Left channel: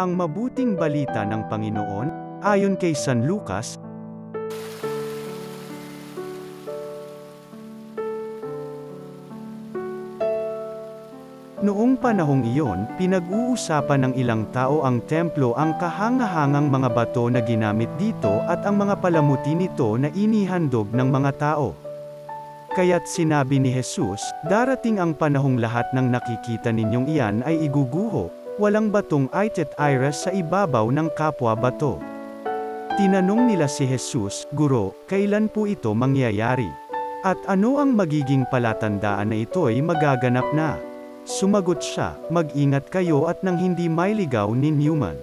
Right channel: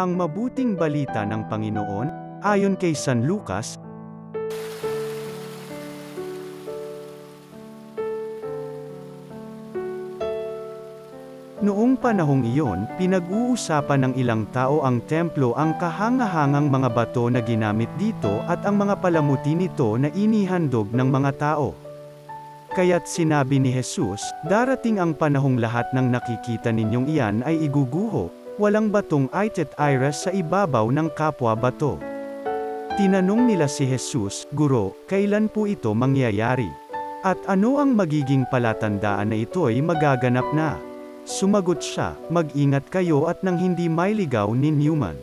Ang mabuting balita ng Panginoon, ayon kay San Lucas. Noong panahong iyon, pinag-uusapan ng ilang tao ang templo, ang kahangahangang mga bato na ginamit dito at ang mga palamuti nito na inihandog ng mga tao. Kaya't sinabi ni Jesus, darating ang panahong lahat ng nakikita ninyong iyan ay iguguho, walang batong itet-iras sa ibabaw ng kapwa bato. Tinanong nila si Jesus, Guro, kailan po ito mangyayari? At ano ang magiging palatandaan na ito'y magaganap na? Sumagot siya, mag-ingat kayo at nang hindi mailigaw ni Newman.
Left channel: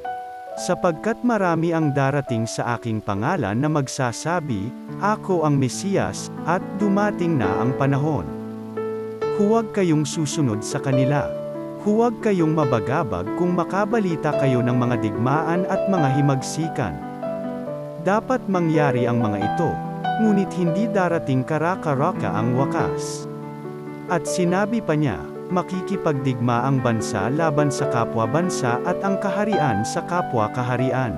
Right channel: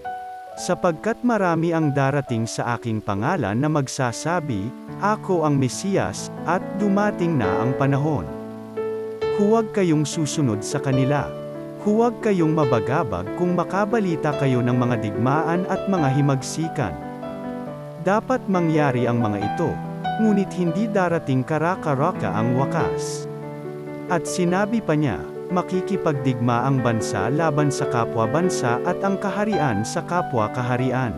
Sapagkat marami ang darating sa aking pangalan na magsasabi, Ako ang Mesiyas, at dumating na ang panahon. Huwag kayong susunod sa kanila. Huwag kayong mabagabag kung makabalita kayo ng mga digmaan at mga himagsikan. Dapat mangyari ang mga ito, ngunit hindi darating kara-karaka ang wakas. At sinabi pa niya, makikipagdigma ang bansa laban sa kapwa bansa at ang kaharian sa kapwa kaharian.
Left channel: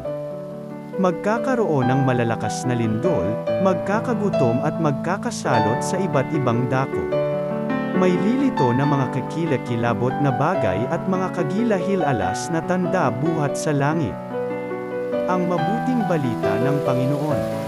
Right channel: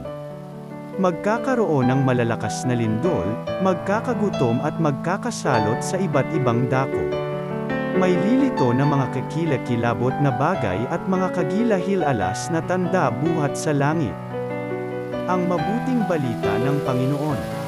Magkakaroon ng malalakas na lindol, magkakagutom at magkakasalot sa iba't ibang dako. May lilito na mga kakilakilabot na bagay at mga kagilahil-alas na tanda buhat sa langit. Ang mabuting balita ng Panginoon.